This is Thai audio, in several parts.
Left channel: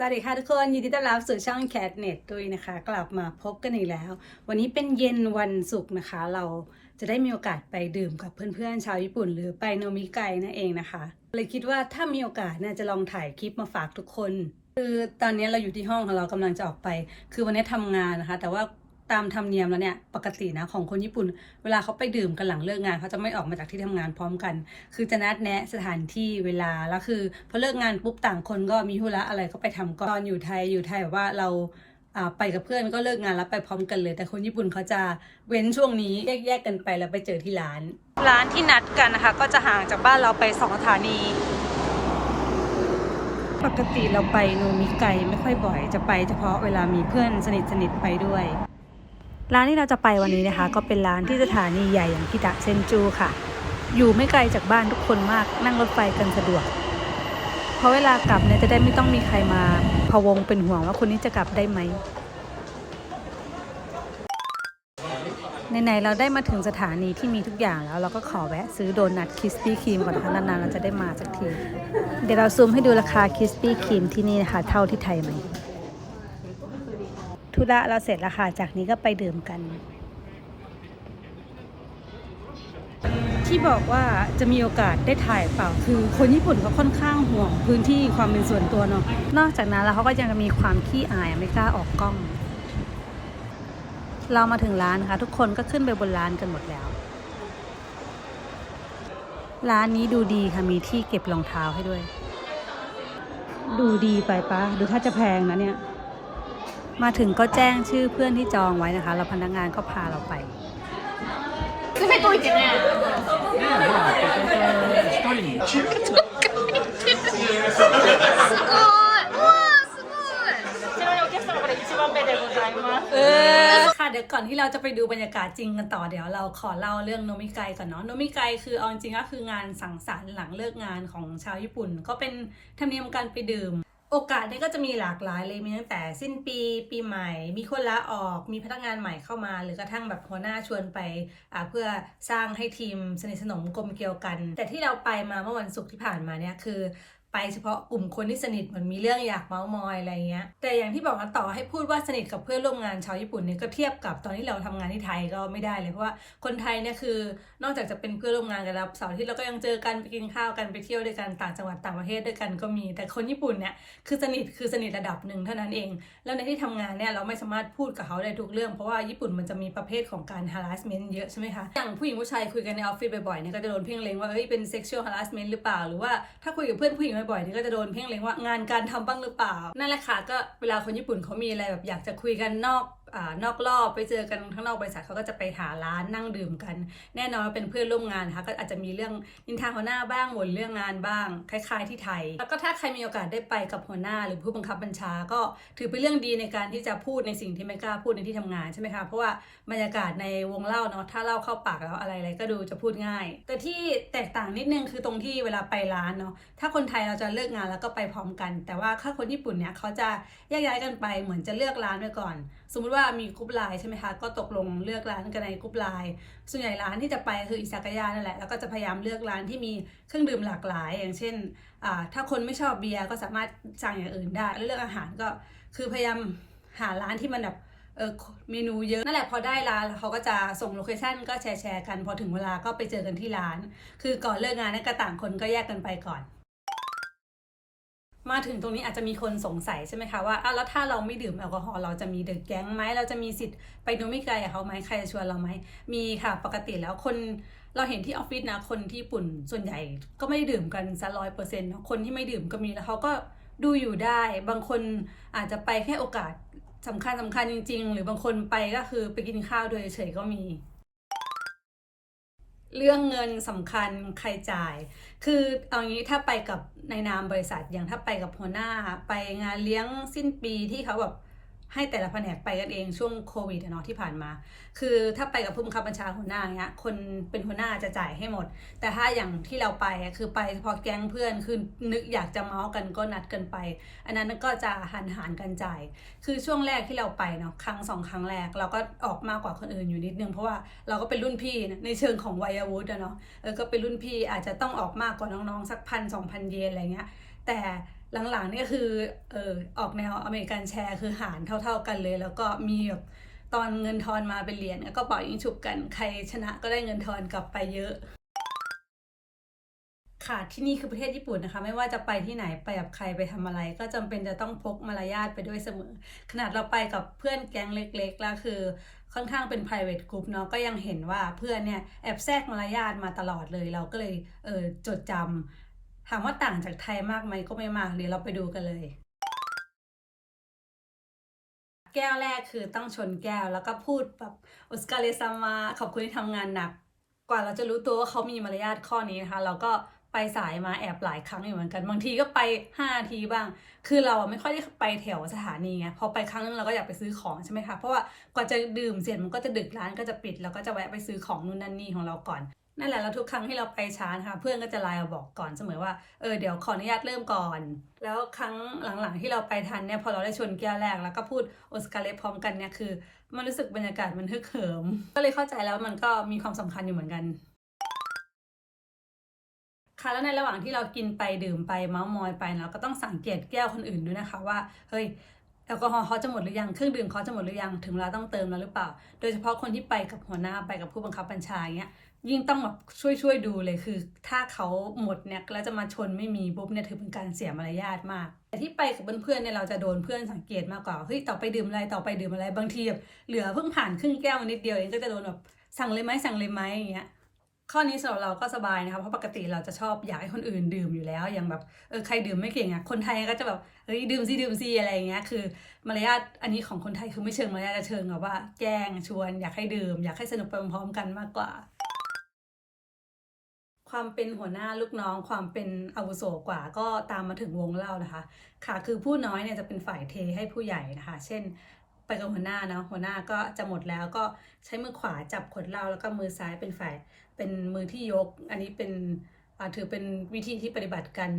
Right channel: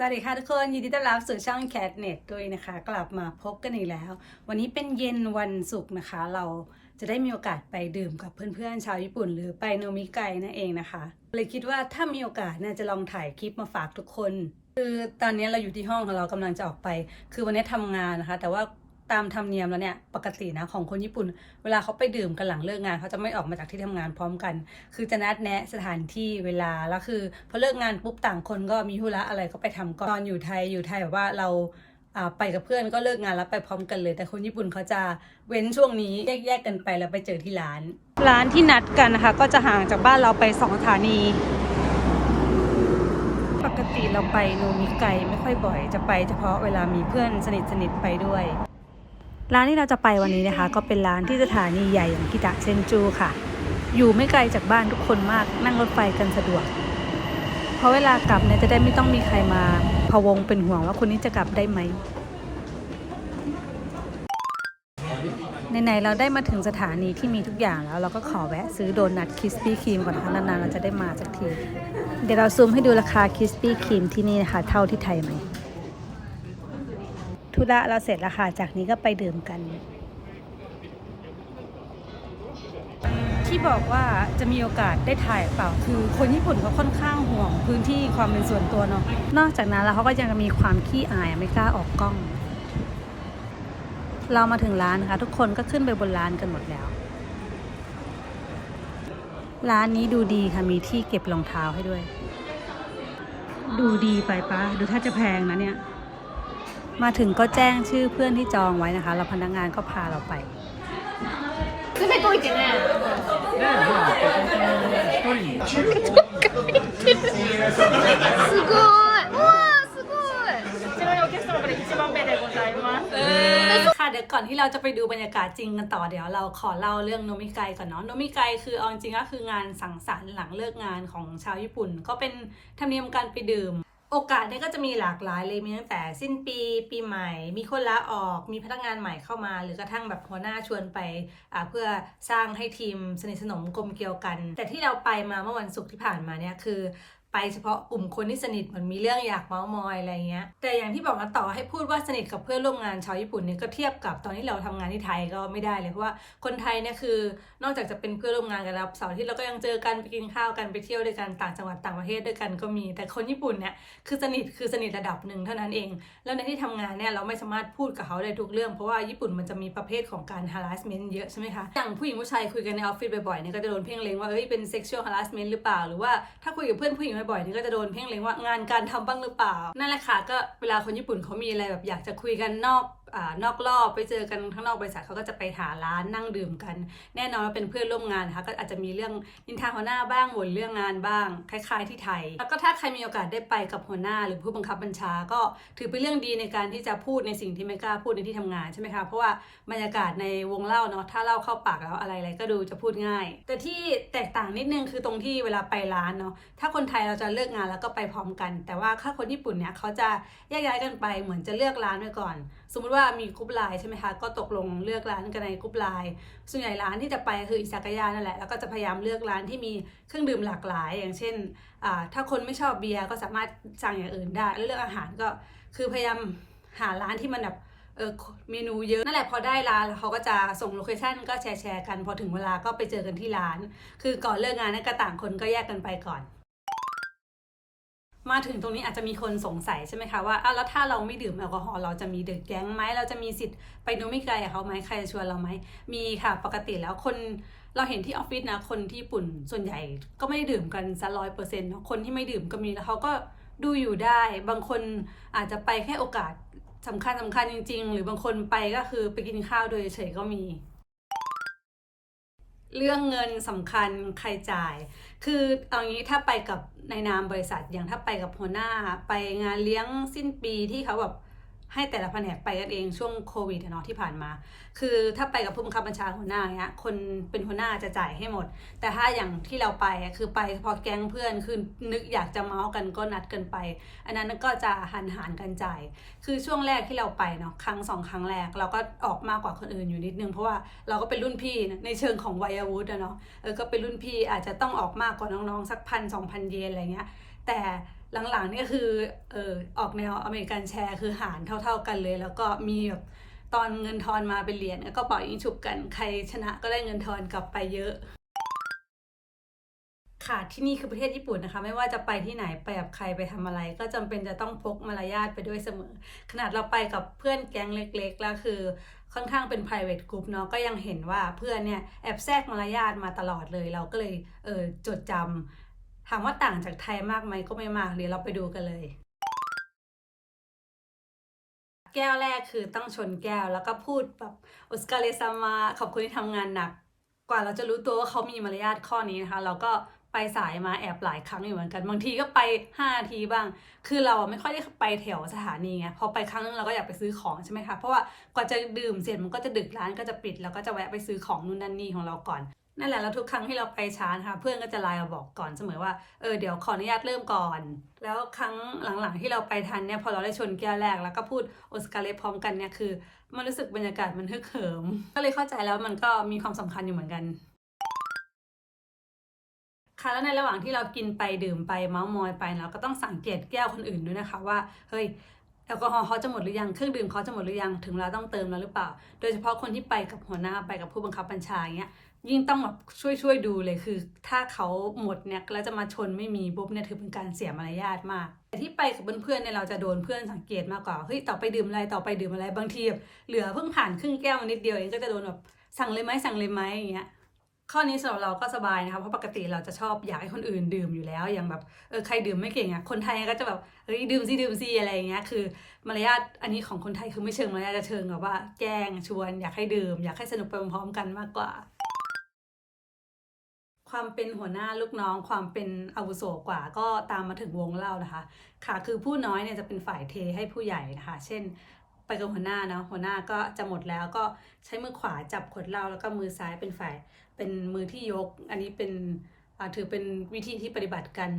สวัสดีค่ะทุกคนยินดีต้อนรับสู่ช่องแคทเน็ตด้วยนะคะ กลับมาพบกันอีกแล้ว วันนี้เป็นเย็นวันศุกร์นะคะ เราจะได้มีโอกาสไปดื่มกับเพื่อนๆชาวญี่ปุ่น หรือไปโนมิไกนั่นเองนะคะ เลยคิดว่าถ้ามีโอกาสเนี่ยจะลองถ่ายคลิปมาฝากทุกคน คือตอนนี้เราอยู่ที่ห้องของเรากำลังจะออกไป คือวันนี้ทำงานนะคะ แต่ว่า ตามธรรมเนียมแล้วเนี่ยปกตินะของคนญี่ปุ่น เวลาเขาไปดื่มกันหลังเลิกงานเขาจะไม่ออกมาจากที่ทำงานพร้อมกัน คือจะนัดแนะสถานที่เวลาแล้วคือพอเลิกงานปุ๊บต่างคนก็มีธุระอะไรก็ไปทำก่อนตอนอยู่ไทยอยู่ไทยแบบว่าเราอ่าไปกับเพื่อนก็เลิกงานแล้วไปพร้อมกันเลย แต่คนญี่ปุ่นเขาจะเว้นช่วงนี้แยกๆกันไปแล้วไปเจอที่ร้าน ร้านที่นัดกันนะคะ ก็จะห่างจากบ้านเราไปสองสถานี ปกติเราไปโนมิไกไม่ค่อยบ่อย จะไปเฉพาะเวลามีเพื่อนสนิทสนิทๆไปด้วย ร้านที่เราจะไปวันนี้นะคะ ก็เป็นร้านที่สถานีใหญ่อย่างกิตะเซนจูค่ะ อยู่ไม่ไกลจากบ้านทุกคนมากนั่งรถไฟกันสะดวก เพราะเวลากลับเนี่ยจะได้ไม่ต้องมีใครมาพะวงเป็นห่วงว่าคนนี้จะกลับได้ไหมไหนๆเราได้มาถึงสถานีที่มีทุกอย่างแล้ว เราก็ขอแวะซื้อโดนัทคริสปี้ครีมก่อนนะคะนานๆเราจะได้มาสักที เดี๋ยวเราซูมให้ดูราคาคริสปี้ครีมที่นี่นะคะ เท่าที่ไทยไหม ธุระเราเสร็จแล้วค่ะ จากนี้ก็ไปดื่มกัน ที่บอกว่าจะมีโอกาสได้ถ่ายเปล่าคือ คนญี่ปุ่นเขาค่อนข้างห่วงพื้นที่ความเป็นส่วนตัวเนาะนอกจากนั้นแล้วเขาก็ยังมีความขี้อายไม่กล้าออกกล้อง เรามาถึงร้านนะคะ ทุกคนก็ขึ้นไปบนร้านกันหมดแล้ว ร้านนี้ดูดีค่ะมีที่เก็บรองเท้าให้ด้วย ดูดีไปปะดูถ้าจะแพงนะเนี่ย มาถึงก็แจ้งชื่อเพื่อนที่จองไว้นะคะ แล้วพนักงานก็พาเราไปค่ะเดี๋ยวก่อนที่เราจะไปดูบรรยากาศจริงกันต่อเดี๋ยวเราขอเล่าเรื่องโนมิไกก่อนเนาะโนมิไกคือเอาจริงก็คืองานสังสรรค์หลังเลิกงานของชาวญี่ปุ่น ก็เป็นธรรมเนียมการไปดื่ม โอกาสเนี่ยก็จะมีหลากหลายเลยมีตั้งแต่สิ้นปีปีใหม่ มีคนลาออกมีพนักงานใหม่เข้ามา หรือกระทั่งแบบหัวหน้าชวนไปอ่าเพื่อสร้างให้ทีมสนิทสนมกลมเกลียวกัน แต่ที่เราไปมาเมื่อวันศุกร์ที่ผ่านมาเนี่ยคือ ไปเฉพาะกลุ่มคนที่สนิทเหมือนมีเรื่องอยากเมาส์มอยอะไรเงี้ย แต่อย่างที่บอกนะต่อให้พูดว่าสนิทกับเพื่อนร่วมงานชาวญี่ปุ่นเนี่ยก็เทียบกับตอนที่เราทำงานที่ไทยก็ไม่ได้เลยเพราะว่าคนไทยเนี่ยคือนอกจากจะเป็นเพื่อนร่วมงานกันแล้วเสาร์ที่เราก็ยังเจอกันไปกินข้าวกันไปเที่ยวด้วยกันต่างจังหวัดต่างประเทศด้วยกันก็มี แต่คนญี่ปุ่นเนี่ยคือสนิทคือสนิทระดับหนึ่งเท่านั้นเอง แล้วในที่ทำงานเนี่ยเราไม่สามารถพูดกับเขาได้ทุกเรื่อง เพราะว่าญี่ปุ่นมันจะมีประเภทของการ harassment เยอะใช่ไหมคะอย่างผู้หญิงผู้ชายคุยกันในออฟฟิศบ่อยๆเนี่ยก็จะโดนเพ่งเล็งว่าเอ้ยเป็น sexual harassment หรือเปล่าหรือว่าถ้าคุยกับเพื่อนผู้หญิงบ่อยๆนี่ก็จะโดนเพ่งเล็งว่างานการทำบ้างหรือเปล่า นั่นแหละค่ะก็เวลาคนญี่ปุ่นเขามีอะไรแบบอยากจะคุยกันนอก อนอกรอบไปเจอกันข้างนอกบริษัทเขาก็จะไปหาร้านนั่งดื่มกัน แน่นอนว่าเป็นเพื่อนร่วมงานนะคะก็อาจจะมีเรื่องนินทาหัวหน้าบ้างบ่นเรื่องงานบ้าง คล้าย ๆ ที่ไทย แล้วก็ถ้าใครมีโอกาสได้ไปกับหัวหน้า หรือผู้บังคับบัญชาก็ถือเป็นเรื่องดีในการที่จะพูดในสิ่งที่ไม่กล้าพูดในที่ทำงานใช่ไหมคะเพราะว่าบรรยากาศในวงเล่าเนาะถ้าเล่าเข้าปากแล้วอะไรอะไรก็ดูจะพูดง่าย แต่ที่แตกต่างนิดนึงคือตรงที่เวลาไปร้านเนาะถ้าคนไทยเราจะเลิกงานแล้วก็ไปพร้อมกัน แต่ว่าถ้าคนญี่ปุ่นเนี่ยเขาจะแยกย้ายกันไปเหมือนจะเลือกร้านไว้ก่อน สมมุติว่ามีกรุ๊ปไลน์ใช่ไหมคะ ก็ตกลงเลือกร้านกันในกรุ๊ปไลน์ ส่วนใหญ่ร้านที่จะไปคืออิซากายะนั่นแหละ แล้วก็จะพยายามเลือกร้านที่มีเครื่องดื่มหลากหลาย อย่างเช่น ถ้าคนไม่ชอบเบียร์ก็สามารถสั่งอย่างอื่นได้แล้วเรื่องอาหารก็คือพยายามหาร้านที่มันแบบเออเมนูเยอะนั่นแหละพอได้ร้านเขาก็จะส่งโลเคชั่นก็แชร์แชร์กัน พอถึงเวลาก็ไปเจอกันที่ร้าน คือก่อนเลิกงานนั่นก็ต่างคนก็แยกกันไปก่อน มาถึงตรงนี้อาจจะมีคนสงสัยใช่ไหมคะว่าอ้าวแล้วถ้าเราไม่ดื่มแอลกอฮอล์เราจะมีเดอะแก๊งไหมเราจะมีสิทธิ์ไปดูไม่ไกลกับเขาไหมใครจะชวนเราไหมมีค่ะปกติแล้วคนเราเห็นที่ออฟฟิศนะคนที่ญี่ปุ่นส่วนใหญ่ก็ไม่ได้ดื่มกันซะร้อยเปอร์เซ็นต์คนที่ไม่ดื่มก็มีแล้วเขาก็ดูอยู่ได้ บางคนอาจจะไปแค่โอกาสสำคัญสำคัญจริง ๆ หรือบางคนไปก็คือไปกินข้าวโดยเฉยก็มี เรื่องเงินสำคัญใครจ่าย คือเอางี้ถ้าไปกับในนามบริษัทอย่างถ้าไปกับหัวหน้า ไปงานเลี้ยงสิ้นปีที่เขาแบบ ให้แต่ละแผนกไปกันเองช่วงโควิดเนาะที่ผ่านมา คือถ้าไปกับผู้บังคับบัญชาหัวหน้าเนี้ยคนเป็นหัวหน้าจะจ่ายให้หมด แต่ถ้าอย่างที่เราไปคือไปพาะแก๊งเพื่อนคือนึกอยากจะเมาส์กันก็นัดกันไป อันนั้นก็จะหันหารกันจ่าย คือช่วงแรกที่เราไปเนาะครั้งสองครั้งแรกเราก็ออกมากกว่าคนอื่นอยู่นิดนึงเพราะว่าเราก็เป็นรุ่นพี่ในเชิงของวัยวุฒิเนาะเออก็เป็นรุ่นพี่อาจจะต้องออกมากกว่าน้องๆสักพันสองพันเยนอะไรเงี้ยแต่ หลังๆนี่ก็คือเออออกแนวอเมริกันแชร์คือหารเท่า ๆกันเลย แล้วก็มีแบบตอนเงินทอนมาเป็นเหรียญก็เป่ายิงฉุบกันใครชนะก็ได้เงินทอนกลับไปเยอะค่ะที่นี่คือประเทศญี่ปุ่นนะคะ ไม่ว่าจะไปที่ไหนไปกับใครไปทำอะไร ก็จำเป็นจะต้องพกมารยาทไปด้วยเสมอ ขนาดเราไปกับเพื่อนแก๊งเล็กๆแล้วคือค่อนข้างเป็น private group เนาะก็ยังเห็นว่าเพื่อนเนี่ยแอบแทรกมารยาทมาตลอดเลย เราก็เลยเออจดจำ ถามว่าต่างจากไทยมากไหมก็ไม่มากเดี๋ยวเราไปดูกันเลย แก้วแรกคือต้องชนแก้วแล้วก็พูดแบบโอสกาเลซามาขอบคุณที่ทำงานหนัก กว่าเราจะรู้ตัวว่าเขามีมารยาทข้อนี้นะคะ เราก็ไปสายมาแอบหลายครั้งอยู่เหมือนกัน บางทีก็ไป5นาทีบ้าง คือเราไม่ค่อยได้ไปแถวสถานีไงพอไปครั้งนึงเราก็อยากไปซื้อของใช่ไหมคะเพราะว่ากว่าจะดื่มเสร็จมันก็จะดึกร้านก็จะปิด แล้วก็จะแวะไปซื้อของนู่นนั่นนี่ของเราก่อน นั่นแหละแล้วทุกครั้งที่เราไปช้านะคะเพื่อนก็จะไลน์มาบอกก่อนเสมอว่าเออเดี๋ยวขออนุญาตเริ่มก่อน แล้วครั้งหลังๆที่เราไปทันเนี่ยพอเราได้ชนแก้วแรกแล้วก็พูดโอสการเลพร้อมกันเนี่ยคือ มันรู้สึกบรรยากาศมันฮึกเหิม ก็เลยเข้าใจแล้วมันก็มีความสำคัญอยู่เหมือนกันค่ะแล้วในระหว่างที่เรากินไปดื่มไปเมาส์มอยไปเราก็ต้องสังเกตแก้วคนอื่นด้วยนะคะว่าเฮ้ยแอลกอฮอล์เขาจะหมดหรือยังเครื่องดื่มเขาจะหมดหรือยังถึงเวลาต้องเติมแล้วหรือเปล่า โดยเฉพาะคนที่ไปกับหัวหน้าไปกับผู้บังคับบัญชาเงี้ย ยิ่งต้องแบบช่วยช่วยดูเลยคือ ถ้าเขาหมดเนี่ยแล้วจะมาชนไม่มีปุ๊บเนี่ยถือเป็นการเสียมารยาทมาก แต่ที่ไปกับเพื่อนๆเนี่ยเราจะโดนเพื่อนสังเกตมากกว่าเฮ้ยต่อไปดื่มอะไรต่อไปดื่มอะไรบางทีแบบเหลือเพิ่งผ่านครึ่งแก้วนิดเดียวเองก็จะโดนแบบสั่งเลยไหมสั่งเลยไหมอย่างเงี้ยข้อนี้สำหรับเราก็สบายนะคะเพราะปกติเราจะชอบอยากให้คนอื่นดื่มอยู่แล้วอย่างแบบเออใครดื่มไม่เก่งอะคนไทยก็จะแบบเฮ้ยดื่มสิดื่มสิอะไรอย่างเงี้ยคือมารยาทอันนี้ของคนไทยคือไม่เชิงมารยาทจะเชิงแบบว่าแกล้งชวน อยากให้ดื่ม อยากให้สนุกไปพร้อมกันมากกว่า ความเป็นหัวหน้าลูกน้อง ความเป็นอาวุโสกว่าก็ตามมาถึงวงเล่านะคะ ค่ะ คือผู้น้อยเนี่ยจะเป็นฝ่ายเทให้ผู้ใหญ่นะคะ เช่น ไปกับหัวหน้าเนาะหัวหน้าก็จะหมดแล้วก็ใช้มือขวาจับขวดเหล้าแล้วก็มือซ้ายเป็นฝ่ายเป็นมือที่ยก อันนี้เป็นถือเป็นวิธีที่ปฏิบัติกัน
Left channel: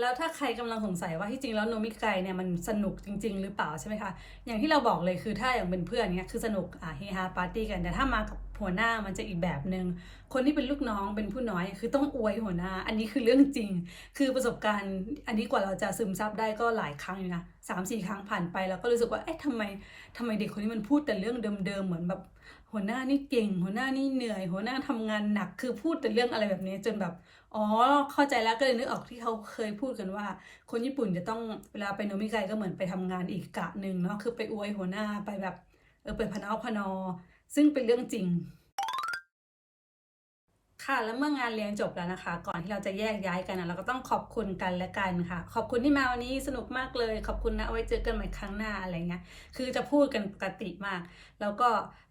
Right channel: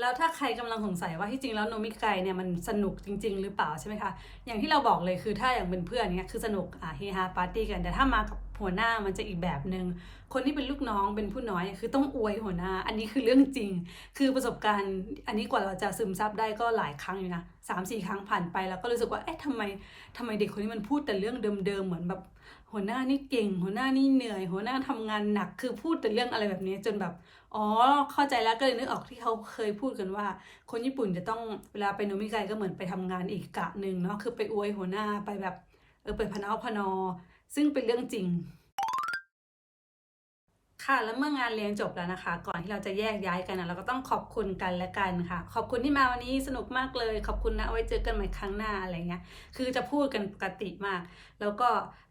แล้วถ้าใครกำลังสงสัยว่าที่จริงแล้วโนมิไกเนี่ยมันสนุกจริง ๆ หรือเปล่าใช่ไหมคะ อย่างที่เราบอกเลยคือถ้าอย่างเป็นเพื่อนเนี่ยคือสนุกอะเฮฮาปาร์ตี้กัน แต่ถ้ามากับหัวหน้ามันจะอีกแบบหนึ่งคนที่เป็นลูกน้องเป็นผู้น้อย คือต้องอวยหัวหน้า อันนี้คือเรื่องจริง คือประสบการณ์ อันนี้กว่าเราจะซึมซับได้ก็หลายครั้งอยู่นะสามสี่ครั้งผ่านไปแล้วก็รู้สึกว่าเอ๊ะทำไมทำไมเด็กคนนี้มันพูดแต่เรื่องเดิมๆเหมือนแบบหัวหน้านี่เก่ง หัวหน้านี่เหนื่อย หัวหน้าทำงานหนักคือพูดแต่เรื่องอะไรแบบนี้จนแบบ อ๋อ เข้าใจแล้วก็เลยนึกออกที่เขาเคยพูดกันว่า คนญี่ปุ่นจะต้องเวลาไปโนมิไกก็เหมือนไปทำงานอีกกะหนึ่งเนาะคือไปอวยหัวหน้าไปแบบเออไปพะเนาพนอ ซึ่งเป็นเรื่องจริง ค่ะแล้วเมื่องานเลี้ยงจบแล้วนะคะ ก่อนที่เราจะแยกย้ายกันนะเราก็ต้องขอบคุณกันและกันค่ะ ขอบคุณที่มาวันนี้สนุกมากเลย ขอบคุณนะเอาไว้เจอกันใหม่ครั้งหน้าอะไรเงี้ยคือจะพูดกันปกติมาก แล้วก็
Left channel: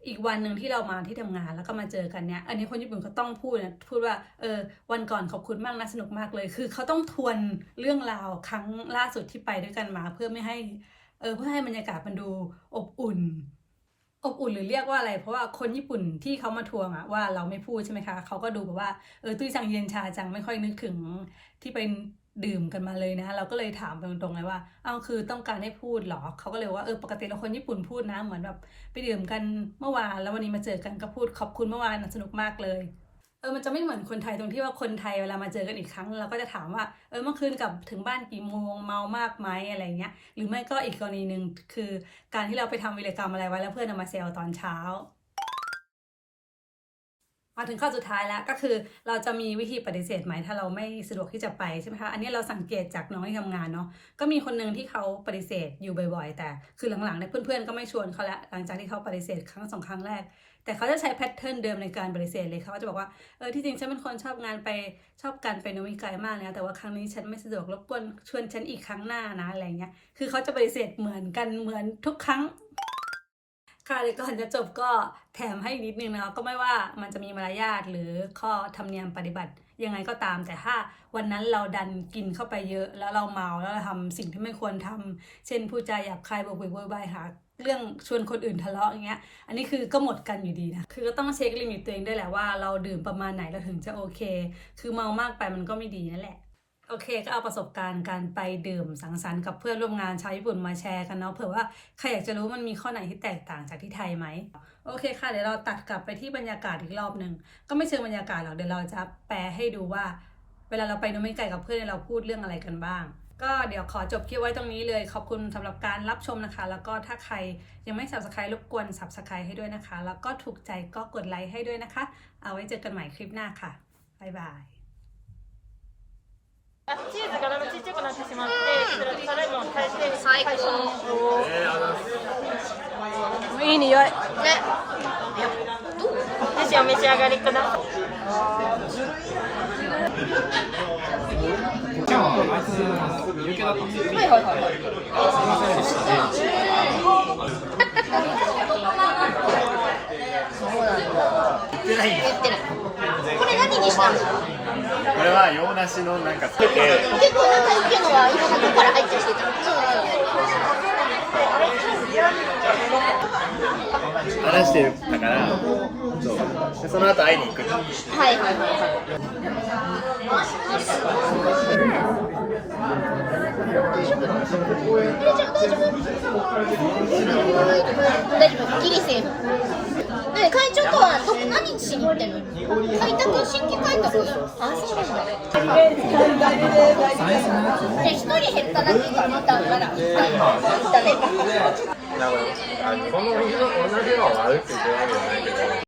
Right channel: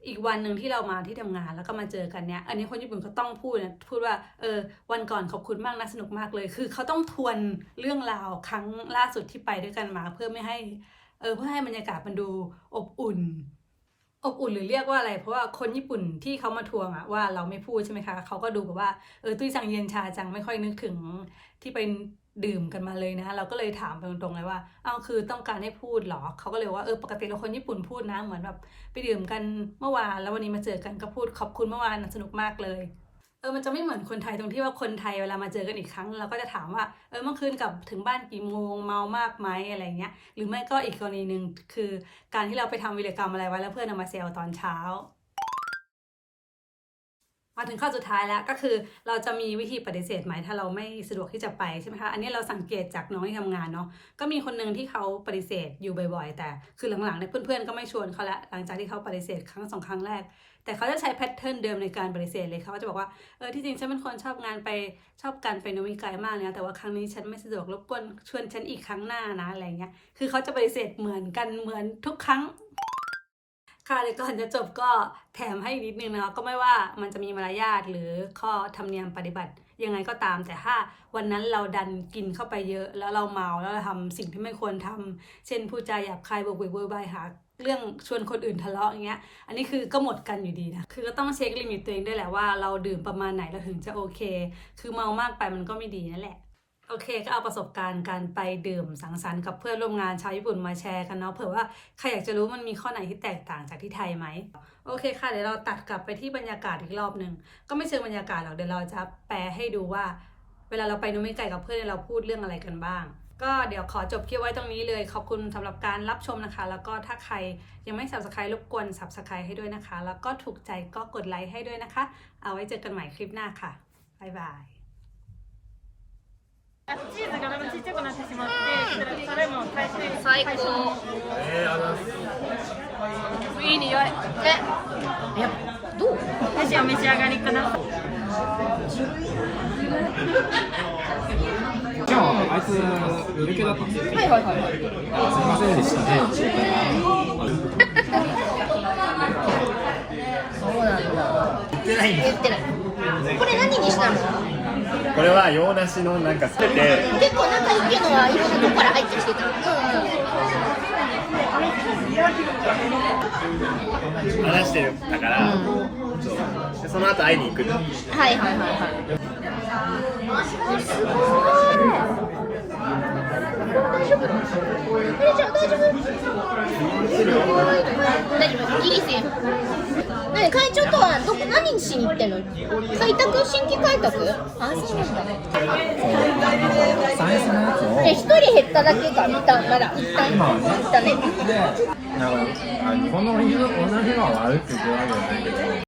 อีกวันหนึ่งที่เรามาที่ทำงานแล้วก็มาเจอกันเนี้ยอันนี้คนญี่ปุ่นเขาต้องพูดนะพูดว่าเออวันก่อนขอบคุณมากนะสนุกมากเลย คือเขาต้องทวนเรื่องราวครั้งล่าสุดที่ไปด้วยกันมา เพื่อไม่ให้เออเพื่อให้บรรยากาศมันดูอบอุ่น อบอุ่นหรือเรียกว่าอะไร เพราะว่าคนญี่ปุ่นที่เขามาทวงอะว่าเราไม่พูดใช่ไหมคะเขาก็ดูแบบว่าเออตุ้ยจังเย็นชาจังไม่ค่อยนึกถึงที่ไปดื่มกันมาเลยนะเราก็เลยถามไปตรงๆเลยว่าเอาคือต้องการให้พูดเหรอเขาก็เลยว่าเออปกติเราคนญี่ปุ่นพูดนะเหมือนแบบไปดื่มกันเมื่อวานแล้ววันนี้มาเจอกันก็พูดขอบคุณเมื่อวานสนุกมากเลย ออมันจะไม่เหมือนคนไทยตรงที่ว่าคนไทยเวลามาเจอกันอีกครั้ง เราก็จะถามว่าเออเมื่อคืนกลับถึงบ้านกี่โมงเมามากไหมอะไรเงี้ยหรือไม่ก็อีกกรณีหนึ่งคือการที่เราไปทำวิรกรรมอะไรไว้แล้วเพื่อนเอามาแซวตอนเช้า มาถึงข้อสุดท้ายแล้วก็คือเราจะมีวิธีปฏิเสธไหมถ้าเราไม่สะดวกที่จะไปใช่ไหมคะอันนี้เราสังเกตจากน้องที่ทำงานเนาะก็มีคนหนึ่งที่เขาปฏิเสธอยู่บ่อยๆ แต่คือหลังๆเนี่ยเพื่อนๆก็ไม่ชวนเขาละหลังจากที่เขาปฏิเสธครั้งสองครั้งแรก แต่เขาจะใช้แพทเทิร์นเดิมในการปฏิเสธเลยเขาจะบอกว่าเออที่จริงฉันเป็นคนชอบงานไปชอบการไปโนมิไกมากนะแต่ว่าครั้งนี้ฉันไม่สะดวกรบกวนชวนฉันอีกครั้งหน้านะอะไรเงี้ยคือเขาจะปฏิเสธเหมือนกันเหมือนทุกครั้งค่ะเดี๋ยวก่อนจะจบก็แถมให้อีกนิดนึงนะคะก็ไม่ว่ามันจะมีมารยาทหรือข้อธรรมเนียมปฏิบัติยังไงก็ตาม แต่ถ้าวันนั้นเราดันกินเข้าไปเยอะ แล้วเราเมาแล้วเราทำสิ่งที่ไม่ควรทำเช่นพูดจาหยาบคายบวกเวกโวยวายหา เรื่องชวนคนอื่นทะเลาะอย่างเงี้ย อันนี้คือก็หมดกันอยู่ดีนะ คือก็ต้องเช็คลิมิตตัวเองด้วยแหละว่าเราดื่มประมาณไหนเราถึงจะโอเค คือเมามากไปมันก็ไม่ดีนั่นแหละ โอเค ก็เอาประสบการณ์การไปดื่มสังสรรค์กับเพื่อนร่วมงานชาวญี่ปุ่นมาแชร์กันเนาะ เผื่อว่าใครอยากจะรู้มันมีข้อไหนที่แตกต่างจากที่ไทยไหม โอเคค่ะ เดี๋ยวเราตัดกลับไปที่บรรยากาศอีกรอบหนึ่ง ก็ไม่เชิงบรรยากาศหรอก เดี๋ยวเราจะแปลให้ดูว่า เวลาเราไปโนมิไก่กับเพื่อนเราพูดเรื่องอะไรกันบ้าง ก็เดี๋ยวขอจบคลิปไว้ตรงนี้เลย ขอบคุณสำหรับการรับชมนะคะ แล้วก็ถ้าใครยังไม่ subscribe รบกวน subscribe ให้ด้วยนะคะ แล้วก็ถูกใจก็กดไลค์ให้ด้วยนะคะ เอาไว้เจอกันใหม่คลิปหน้าค่ะ บ๊ายบาย チーズがだんだんちっちゃくなってしまって、タレも大して最高いい匂い。ねどうぜひお召し上がりください。 今日あいつ抜けだったんですよ。すみませんでしたね。言ってないこれは洋梨のなんかつけて結構中意見が中から入ったりしてた話してたからそう。でその後会いに行く。はい。何会長とはどこ何しに行ってんの開拓新規開拓あそうなんだサイズのやつをで一人減っただけが一旦なら一旦一旦ねなるほど。この同じのは悪く言ってないんだけど。